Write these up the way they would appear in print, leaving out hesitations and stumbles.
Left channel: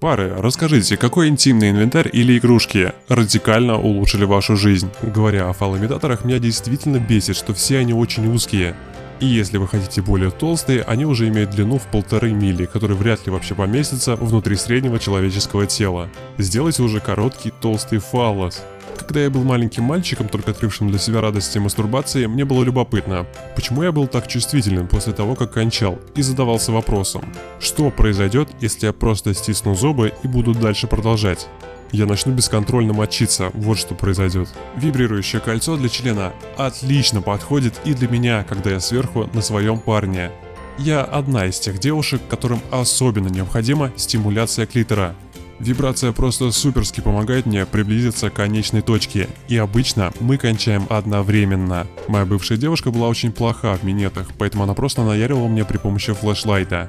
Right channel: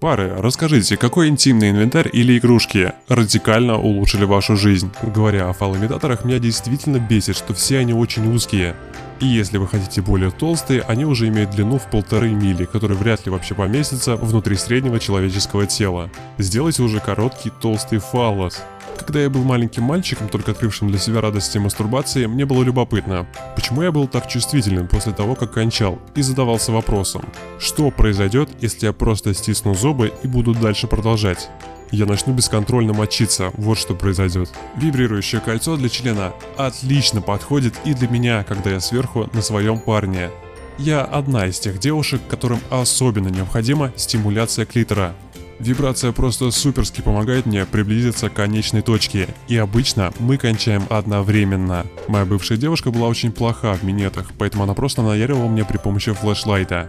Пары, расскажите, какой интимный инвентарь или игрушки радикально улучшили вашу жизнь? Говоря о фалоимитаторах, меня действительно бесит, что все они очень узкие. И если вы хотите более толстые, они уже имеют длину в 1,5 мили, который вряд ли вообще поместится внутри среднего человеческого тела. Сделайте уже короткий толстый фаллос. Когда я был маленьким мальчиком, только открывшим для себя радости мастурбации, мне было любопытно, почему я был так чувствительным после того, как кончал, и задавался вопросом, что произойдет, если я просто стисну зубы и буду дальше продолжать. Я начну бесконтрольно мочиться, вот что произойдет. Вибрирующее кольцо для члена отлично подходит и для меня, когда я сверху на своем парне. Я одна из тех девушек, которым особенно необходима стимуляция клитора. Вибрация просто суперски помогает мне приблизиться к конечной точке, и обычно мы кончаем одновременно. Моя бывшая девушка была очень плоха в минетах, поэтому она просто наяривала мне при помощи флешлайта.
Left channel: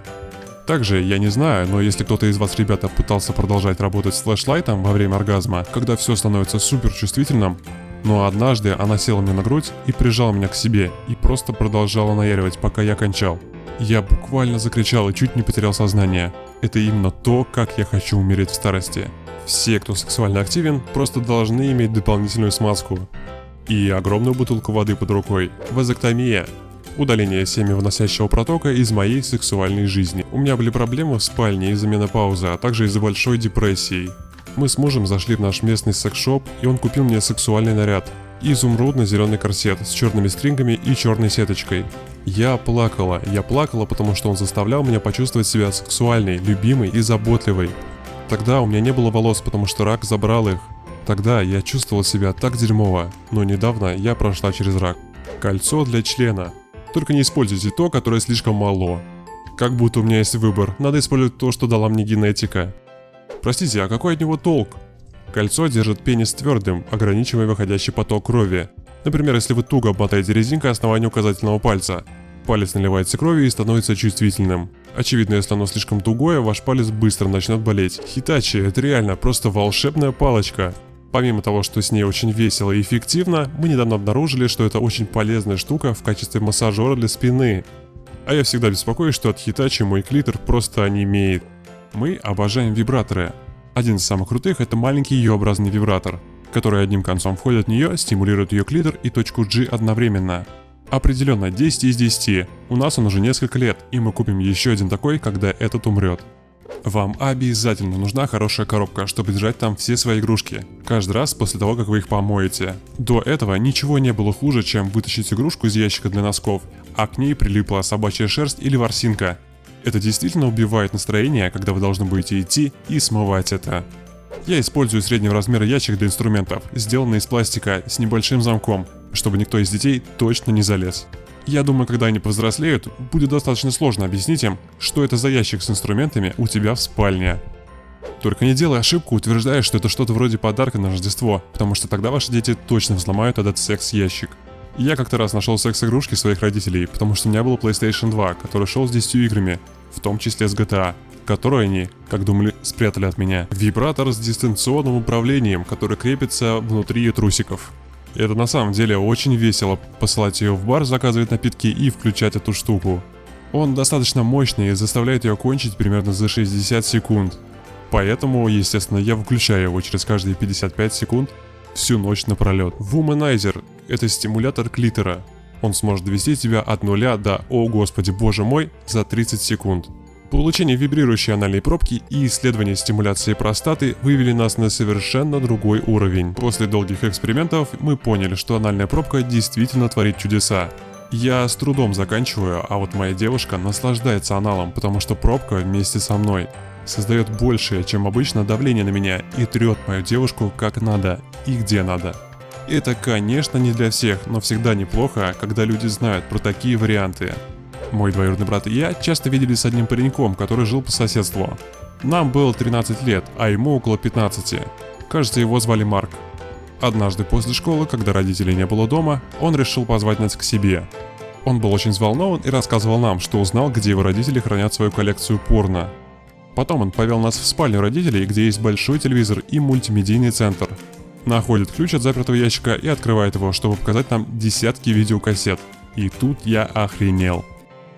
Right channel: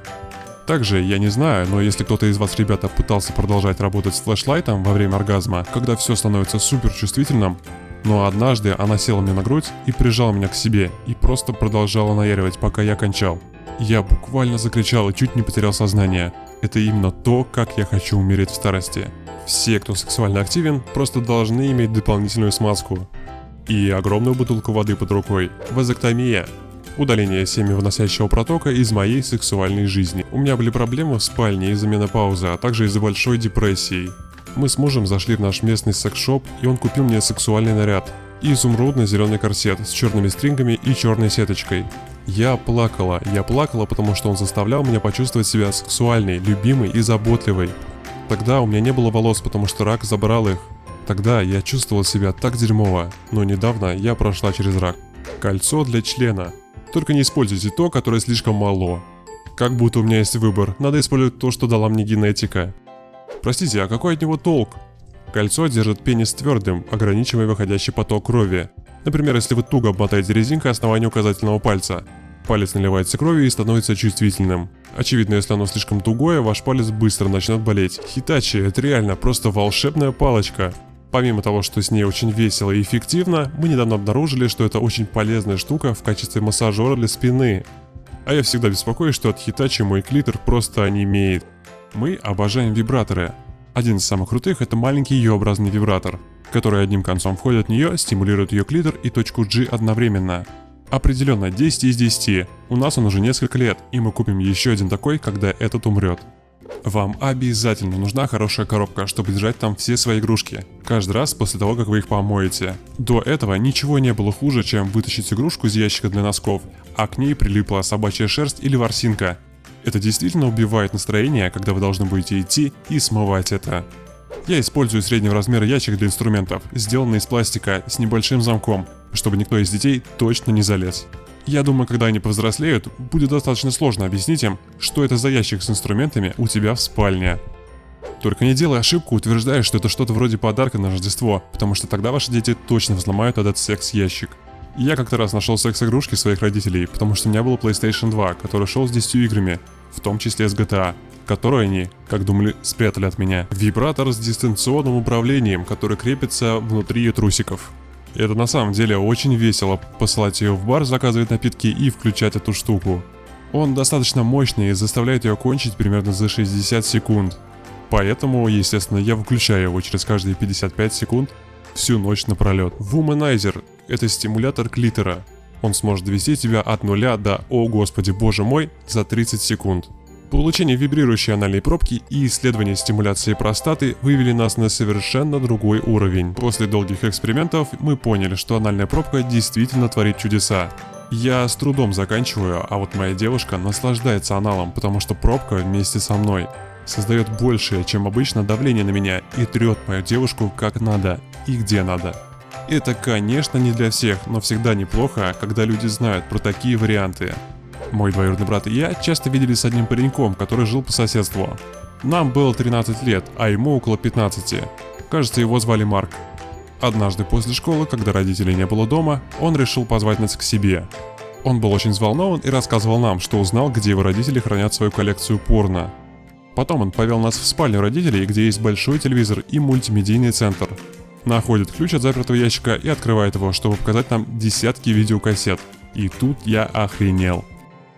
Также, я не знаю, но если кто-то из вас, ребята, пытался продолжать работать с флешлайтом во время оргазма, когда все становится супер чувствительным, но однажды она села мне на грудь и прижала меня к себе, и просто продолжала наяривать, пока я кончал. Я буквально закричал и чуть не потерял сознание. Это именно то, как я хочу умереть в старости. Все, кто сексуально активен, просто должны иметь дополнительную смазку. И огромную бутылку воды под рукой. Вазоктомия. Удаление семявыносящего протока из моей сексуальной жизни. У меня были проблемы в спальне из-за менопаузы, а также из-за большой депрессии. Мы с мужем зашли в наш местный секс-шоп, и он купил мне сексуальный наряд. Изумрудно-зеленый корсет с черными стрингами и черной сеточкой. Я плакала, потому что он заставлял меня почувствовать себя сексуальной, любимой и заботливой. Тогда у меня не было волос, потому что рак забрал их. Тогда я чувствовал себя так дерьмово, но недавно я прошла через рак. Кольцо для члена. Только не используйте то, которое слишком мало. Как будто у меня есть выбор, надо использовать то, что дала мне генетика. Простите, а какой от него толк? Кольцо держит пенис твердым, ограничивая выходящий поток крови. Например, если вы туго обмотаете резинкой основание указательного пальца. Палец наливается кровью и становится чувствительным. Очевидно, если оно слишком тугое, ваш палец быстро начнет болеть. Хитачи – это реально просто волшебная палочка. Помимо того, что с ней очень весело и эффективно, мы недавно обнаружили, что это очень полезная штука в качестве массажера для спины. А я всегда беспокоюсь, что от Хитачи мой клитор просто онемеет. Мы обожаем вибраторы. Один из самых крутых – это маленький Ю-образный вибратор, который одним концом входит в нее, стимулирует ее клитор и точку G одновременно. Определенно 10 из 10. У нас он уже несколько лет, и мы купим еще один такой, когда этот умрет. Вам обязательно нужна хорошая коробка, чтобы держать там все свои игрушки. Каждый раз после того, как вы их помоете. До этого ничего не было хуже, чем вытащить игрушку из ящика для носков, а к ней прилипла собачья шерсть или ворсинка. Это действительно убивает настроение, когда вы должны будете идти и смывать это. Я использую среднего размера ящик для инструментов, сделанный из пластика с небольшим замком, чтобы никто из детей точно не залез. Я думаю, когда они повзрослеют, будет достаточно сложно объяснить им, что это за ящик с инструментами у тебя в спальне. Только не делай ошибку, утверждая, что это что-то вроде подарка на Рождество, потому что тогда ваши дети точно взломают этот секс-ящик. Я как-то раз нашел секс-игрушки своих родителей, потому что у меня был PlayStation 2, который шел с 10 играми, в том числе с GTA, которые они, как думали, спрятали от меня. Вибратор с дистанционным управлением, который крепится внутри трусиков. Это на самом деле очень весело, посылать ее в бар, заказывать напитки и включать эту штуку. Он достаточно мощный и заставляет ее кончить примерно за 60 секунд. Поэтому, естественно, я выключаю его через каждые 55 секунд всю ночь напролет. Womanizer – это стимулятор клитора. Он сможет довести тебя от 0 до «О господи, боже мой» за 30 секунд. Получение вибрирующей анальной пробки и исследование стимуляции простаты вывели нас на совершенно другой уровень. После долгих экспериментов мы поняли, что анальная пробка действительно творит чудеса. Я с трудом заканчиваю, а вот моя девушка наслаждается аналом, потому что пробка вместе со мной создает большее, чем обычно, давление на меня и трет мою девушку как надо и где надо. Это, конечно, не для всех, но всегда неплохо, когда люди знают про такие варианты. Мой двоюродный брат и я часто виделись с одним пареньком, который жил по соседству. Нам было 13 лет, а ему около 15. Кажется, его звали Марк. Однажды после школы, когда родителей не было дома, он решил позвать нас к себе. Он был очень взволнован и рассказывал нам, что узнал, где его родители хранят свою коллекцию порно. Потом он повел нас в спальню родителей, где есть большой телевизор и мультимедийный центр. Находит ключ от запертого ящика и открывает его, чтобы показать нам десятки видеокассет. И тут я охренел.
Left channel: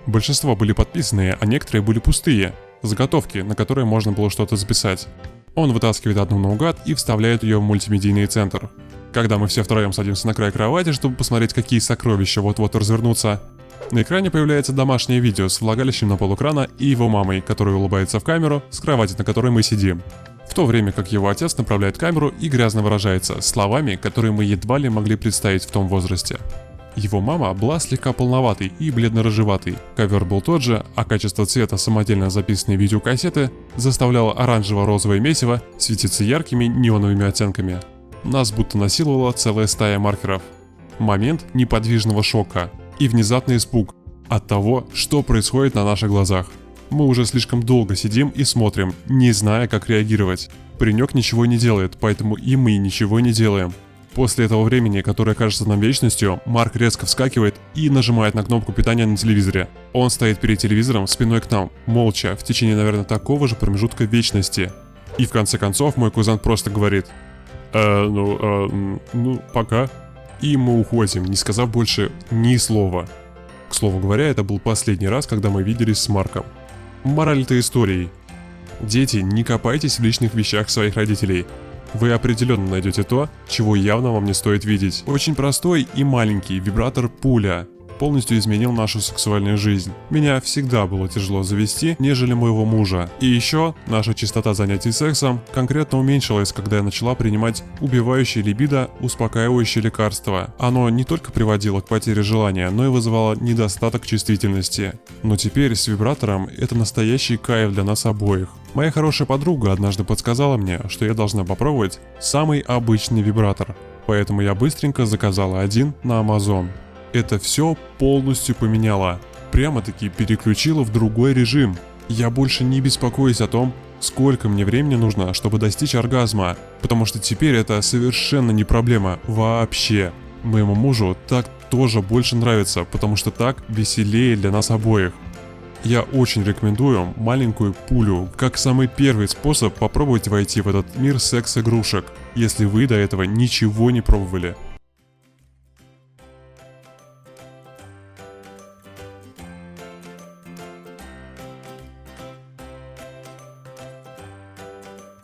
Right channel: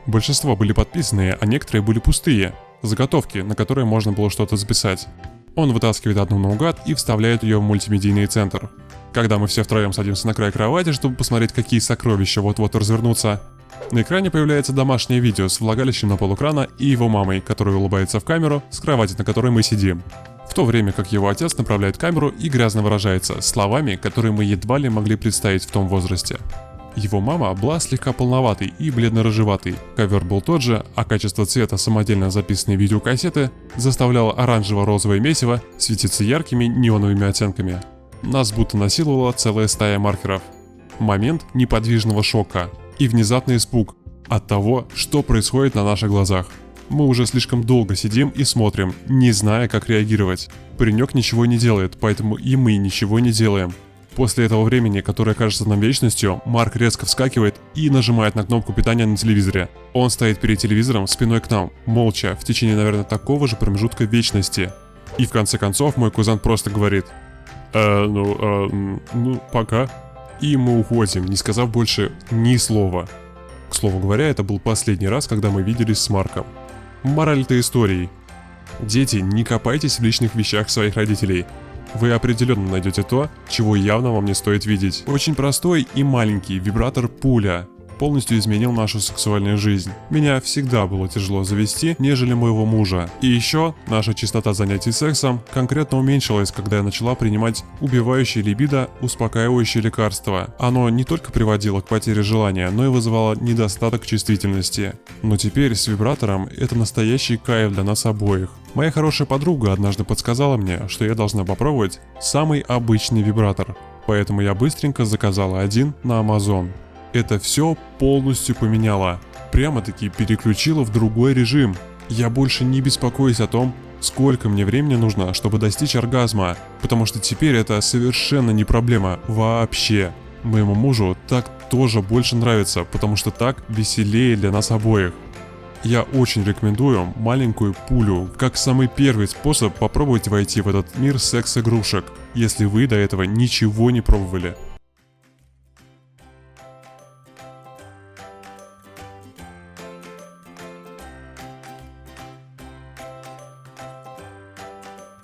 Большинство были подписанные, а некоторые были пустые. заготовки, на которые можно было что-то записать. Он вытаскивает одну наугад и вставляет ее в мультимедийный центр. Когда мы все втроем садимся на край кровати, чтобы посмотреть, какие сокровища вот-вот развернутся, на экране появляется домашнее видео с влагалищем на полэкрана и его мамой, которая улыбается в камеру с кровати, на которой мы сидим. В то время как его отец направляет камеру и грязно выражается словами, которые мы едва ли могли представить в том возрасте. Его мама была слегка полноватой и бледно-рыжеватой. Ковер был тот же, а качество цвета самодельно записанной видеокассеты заставляло оранжево-розовое месиво светиться яркими неоновыми оттенками. Нас будто насиловала целая стая маркеров. Момент неподвижного шока и внезапный испуг от того, что происходит на наших глазах. Мы уже слишком долго сидим и смотрим, не зная, как реагировать. Паренек ничего не делает, поэтому и мы ничего не делаем. После этого времени, которое кажется нам вечностью, Марк резко вскакивает и нажимает на кнопку питания на телевизоре. Он стоит перед телевизором спиной к нам, молча, в течение, наверное, такого же промежутка вечности. И в конце концов мой кузен просто говорит: пока. И мы уходим, не сказав больше ни слова. К слову говоря, это был последний раз, когда мы виделись с Марком. Мораль этой истории: дети, не копайтесь в личных вещах своих родителей. Вы определенно найдете то, чего явно вам не стоит видеть. Очень простой и маленький вибратор пуля полностью изменил нашу сексуальную жизнь. Меня всегда было тяжело завести, нежели моего мужа. И еще наша частота занятий сексом конкретно уменьшилась, когда я начала принимать убивающее либидо успокаивающее лекарство. Оно не только приводило к потере желания, но и вызывало недостаток чувствительности. Но теперь с вибратором это настоящий кайф для нас обоих. Моя хорошая подруга однажды подсказала мне, что я должна попробовать самый обычный вибратор. Поэтому я быстренько заказала один на Amazon. Это все полностью поменяло. Прямо-таки переключило в другой режим. Я больше не беспокоюсь о том, сколько мне времени нужно, чтобы достичь оргазма. Потому что теперь это совершенно не проблема вообще. Моему мужу так тоже больше нравится, потому что так веселее для нас обоих. Я очень рекомендую маленькую пулю, как самый первый способ попробовать войти в этот мир секс-игрушек, если вы до этого ничего не пробовали.